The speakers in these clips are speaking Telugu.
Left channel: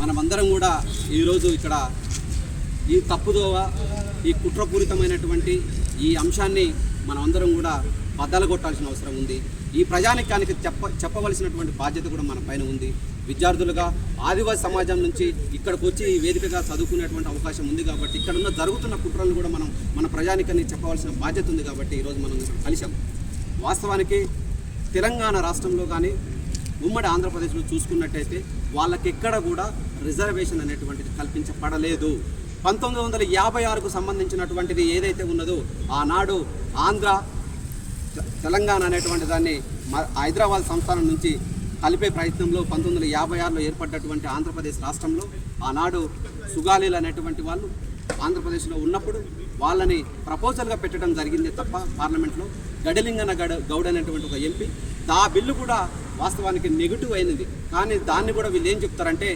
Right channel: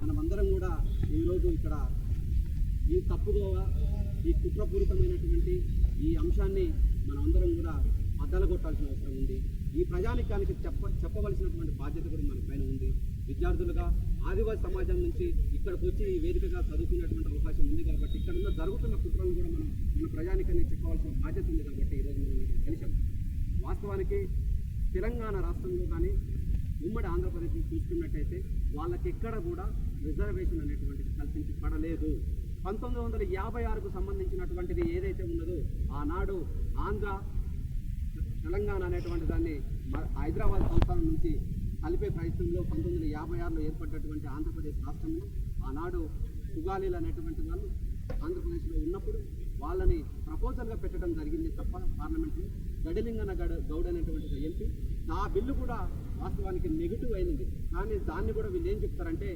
మనమందరం కూడా ఈరోజు ఇక్కడ ఈ తప్పుదోవ ఈ కుట్రపూరితమైనటువంటి ఈ అంశాన్ని మనమందరం కూడా బద్దలగొట్టాల్సిన అవసరం ఉంది. ఈ ప్రజానికానికి చెప్పవలసినటువంటి బాధ్యత కూడా మన పైన ఉంది. విద్యార్థులుగా ఆదివాసీ సమాజం నుంచి ఇక్కడికి వచ్చి ఈ వేదికగా చదువుకునేటువంటి అవకాశం ఉంది కాబట్టి ఇక్కడున్న జరుగుతున్న కుట్రలను కూడా మనం మన ప్రజానికానికి చెప్పవలసిన బాధ్యత ఉంది కాబట్టి ఈరోజు మనం ఇక్కడ కలిసాం. వాస్తవానికి తెలంగాణ రాష్ట్రంలో కానీ ఉమ్మడి ఆంధ్రప్రదేశ్లో చూసుకున్నట్టయితే వాళ్ళకి ఎక్కడ కూడా రిజర్వేషన్ అనేటువంటిది కల్పించబడలేదు. 1956కు సంబంధించినటువంటిది ఏదైతే ఉన్నదో ఆనాడు ఆంధ్ర తెలంగాణ అనేటువంటి దాన్ని హైదరాబాద్ సంస్థానం నుంచి కలిపే ప్రయత్నంలో 1956లో ఏర్పడ్డటువంటి ఆంధ్రప్రదేశ్ రాష్ట్రంలో ఆనాడు సుగాలీలు అనేటువంటి వాళ్ళు ఆంధ్రప్రదేశ్లో ఉన్నప్పుడు వాళ్ళని ప్రపోజల్గా పెట్టడం జరిగింది తప్ప పార్లమెంట్లో గడిలింగన గౌడ్ అనేటువంటి ఒక ఎంపీ ఆ బిల్లు కూడా వాస్తవానికి నెగిటివ్ అయినది. కానీ దాన్ని కూడా వీళ్ళు ఏం చెప్తారంటే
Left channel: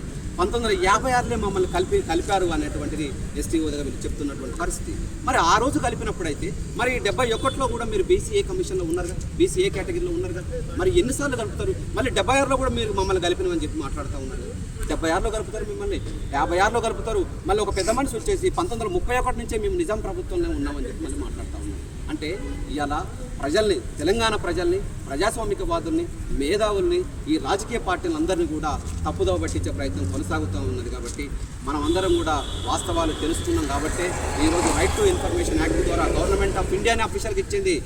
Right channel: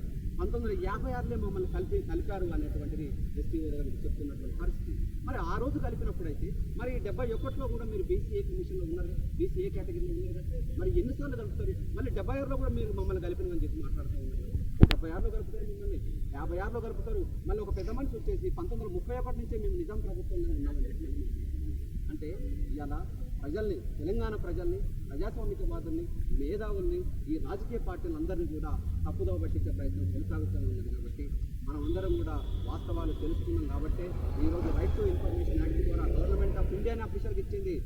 1956లో మమ్మల్ని కలిపారు అనేటువంటిది ఎస్టీఓ దగ్గర వీళ్ళు చెప్తున్నటువంటి పరిస్థితి. మరి ఆ రోజు కలిపినప్పుడైతే మరి 71లో కూడా మీరు బీసీఏ కమిషన్లో ఉన్నారు కదా, బీసీఏ కేటగిరీలో ఉన్నారు కదా, మరి ఎన్నిసార్లు కలుపుతారు? మళ్ళీ 76లో కూడా మీరు మమ్మల్ని కలిపినమని చెప్పి మాట్లాడుతూ ఉన్నారు. 76లో కలుపుతారు, మిమ్మల్ని 56లో కలుపుతారు. మళ్ళీ ఒక పెద్ద మనిషి వచ్చేసి 1931 నుంచే మేము నిజాం ప్రభుత్వంలో ఉన్నామని చెప్పి మళ్ళీ మాట్లాడుతూ ఉన్నారు. అంటే ఇవాళ ప్రజల్ని, తెలంగాణ ప్రజల్ని, ప్రజాస్వామికవాదుల్ని, మేధావుల్ని, ఈ రాజకీయ పార్టీలందరినీ కూడా తప్పుదోవ పట్టించే ప్రయత్నం కొనసాగుతూ ఉన్నది. కాబట్టి మనం అందరం కూడా వాస్తవాలు తెలుసుకున్నాం. కాబట్టి ఈరోజు రైట్ టు ఇన్ఫర్మేషన్ యాక్ట్ ద్వారా గవర్నమెంట్ ఆఫ్ ఇండియానే అఫీషియల్గా ఇచ్చింది.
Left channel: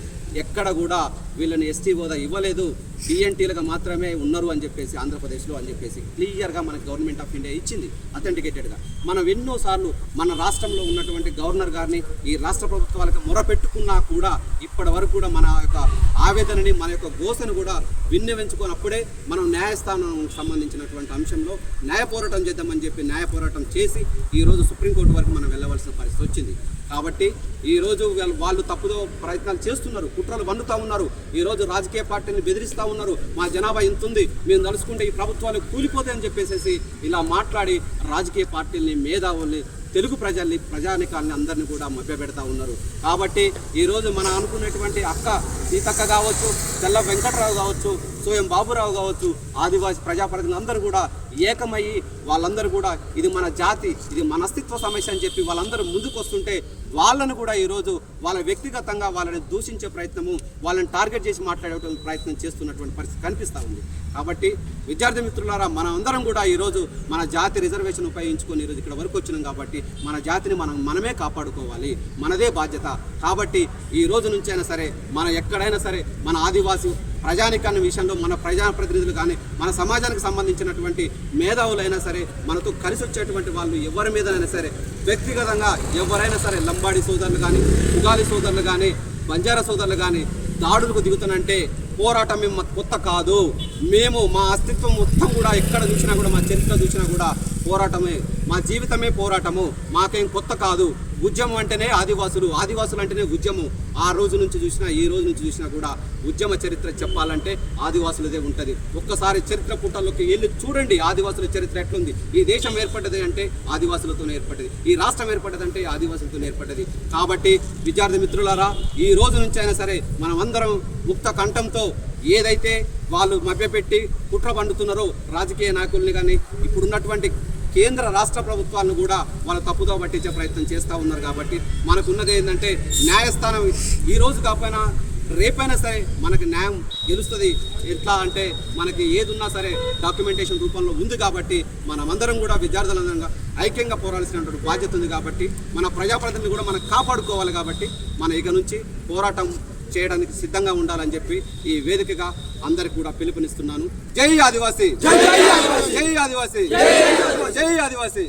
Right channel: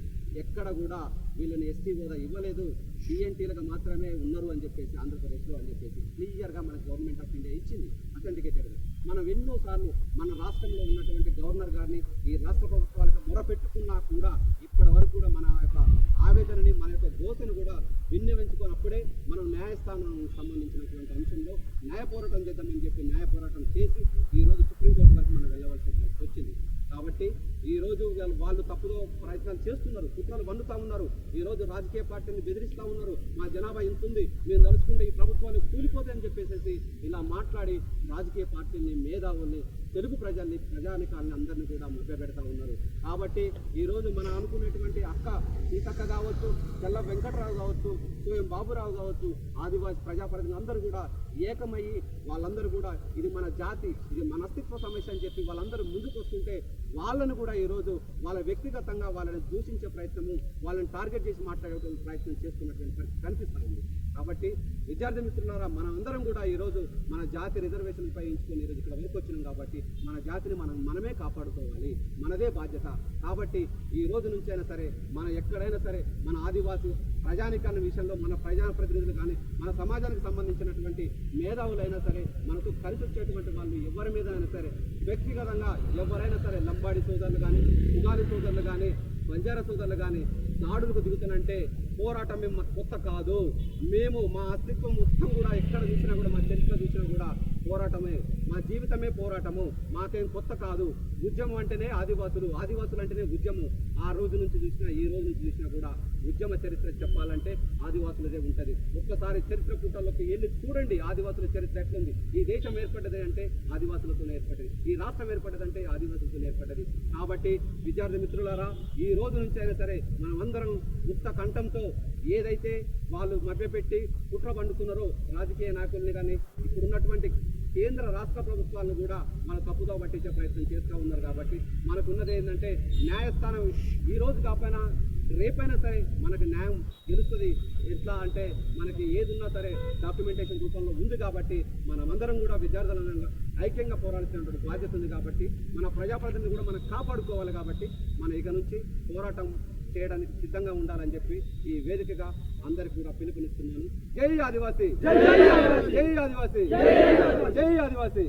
ఎక్కడ కూడా వీళ్ళని ఎస్టీ హోదా ఇవ్వలేదు, టీఎన్టీలుగా మాత్రమే ఉన్నారు అని చెప్పేసి ఆంధ్రప్రదేశ్లో అని చెప్పేసి క్లియర్గా మనకు గవర్నమెంట్ ఆఫ్ ఇండియా ఇచ్చింది అథెంటికేటెడ్గా. మనం ఎన్నోసార్లు మన రాష్ట్రంలో ఉన్నటువంటి గవర్నర్ గారిని, ఈ రాష్ట్ర ప్రభుత్వాలకు మొరపెట్టుకున్నా కూడా ఇప్పటి వరకు కూడా మన యొక్క ఆవేదనని, మన యొక్క గోసను కూడా విన్నవించుకున్నప్పుడే మనం న్యాయస్థానం సంబంధించినటువంటి అంశంలో న్యాయ పోరాటం చేద్దామని చెప్పి న్యాయ పోరాటం చేసి ఈరోజు సుప్రీంకోర్టు వరకు మనం వెళ్ళవలసిన పరిస్థితి వచ్చింది. కాబట్టి ఈరోజు వాళ్ళు తప్పుదో ప్రయత్నాలు చేస్తున్నారు, కుట్రలు వండుతూ ఉన్నారు. ఈరోజు రాజకీయ పార్టీని బెదిరిస్తూ ఉన్నారు. మా జనాభా ఇంత ఉంది, మేము తలుసుకుంటే ఈ ప్రభుత్వాలు కూలిపోతాయని చెప్పేసి ఇలా మాట్లాడి రాజకీయ పార్టీల్ని, మేధావుల్ని, తెలుగు ప్రజల్ని, ప్రజానికాన్ని అందరినీ కూడా మభ్యపెడతా ఉన్నారు. కాబట్టి ఈరోజు మనం అనుకున్నటువంటి అక్క సీతక్క కావచ్చు, తెల్ల వెంకటరావు కావచ్చు, సోయం బాబురావు కావచ్చు, ఆదివాసీ ప్రజాప్రతినిధులు అందరూ కూడా ఏకమయ్యి వాళ్ళందరూ కూడా ఇది మన జాతి, ఇది మన అస్తిత్వ సమస్య అని చెప్పి వాళ్ళందరూ ముందుకు వస్తుంటే వాళ్ళను కూడా ఈరోజు వాళ్ళ వ్యక్తిగతంగా వాళ్ళని దూషించే ప్రయత్నము, వాళ్ళని టార్గెట్ చేసి మాట్లాడే ప్రయత్నం చేస్తున్నటువంటి పరిస్థితి కనిపిస్తూ ఉంది. కాబట్టి విద్యార్థి మిత్రులారా, మనం అందరం కూడా ఈరోజు మన జాతి రిజర్వేషన్ ఉపయోగించుకొని ఈరోజు ఇక్కడ వరకు వచ్చినాం. కాబట్టి మన జాతిని మనమే కాపాడుకోవాలి, మనదే బాధ్యత. కాబట్టి ఈ రోజు నుంచైనా సరే మనం ఎక్కడైనా సరే మన ఆదివాసీ ప్రజానికాన్ని విషయంలో మన ప్రజాప్రతినిధులు కానీ, మన సమాజానికి సంబంధించినటువంటి మేధావులైనా సరే, మనతో కలిసి వచ్చేటువంటి వాళ్ళు ఎవరి మీదైనా సరే వ్యక్తిగతంగా ఎవరైనా సరే, లంబాడి సోదరులు కానీ, ఉగాలి సోదరులు కానీ, బంజారా సోదరులు కానీ దాడులకు దిగుతానంటే పోరాటం మేము కొత్త కాదు. మేము మా అస్తిత్వం మొత్తం కూడా ఎక్కడ చూసినా కూడా, మా చరిత్ర చూసినా కూడా పోరాటమే, మా జీవితమే పోరాటము. మాకేం కొత్త కాదు. ఉద్యమం అంటేనే ఆదివాసులు, ఆదివాసులు అంటేనే ఉద్యమం. ఆ రోజు నుంచి చూసినా, ఈ రోజు నుంచి చూసినా కూడా ఉద్యమ చరిత్ర చెప్పాలంటే ఆదివాసులదే ఉంటుంది. ఒక్కసారి చరిత్ర పుటల్లోకి వెళ్ళి చూడండి, ఆదివాసుల చరిత్ర ఎట్లుంది. ఈ దేశం ఏర్పడ్డది అంటే ఆదివాసులతోనే ఏర్పడ్డది, ఈ రాష్ట్రం ఏర్పడ్డదంటే ఆదివాసులతోనే ఏర్పడ్డది. కాబట్టి విద్యార్థి మిత్రులారా, ఈ రోజు నుంచి అయినా సరే మనం అందరం ముక్త కంఠంతో ఏదైతే వాళ్ళు మభ్యపెట్టి కుట్ర పండుతున్నారో రాజకీయ నాయకుల్ని కానీ, ఇప్పుడున్నటువంటి కేంద్ర రాష్ట్ర ప్రభుత్వాలను కూడా వాళ్ళ తప్పుదో పట్టించే ప్రయత్నం చేస్తూ ఉన్నారు. కాబట్టి మనకున్నది ఏంటంటే న్యాయస్థానం ఈ రోజు కాకపోయినా రేపైనా సరే మనకి న్యాయం గెలుస్తుంది. ఎట్లా అంటే మనకి ఏది ఉన్నా సరే డాక్యుమెంటేషన్ రూపంలో ఉంది. కాబట్టి మనమందరం కూడా విద్యార్థులందరంగా ఐక్యంగా పోరాడాల్సినటువంటి బాధ్యత ఉంది. కాబట్టి మన ప్రజాప్రతినిధులు కూడా మనం కాపాడుకోవాలి. కాబట్టి మన ఇక నుంచి పోరాటం చేయడానికి సిద్ధంగా ఉండాలని చెప్పి ఈ వేదికగా అందరికి కూడా పిలుపునిస్తున్నాను. జై ఆదివాసీ, జై ఆదివాసీ, జై ఆదివాసీ, జై ఆదివాసీ.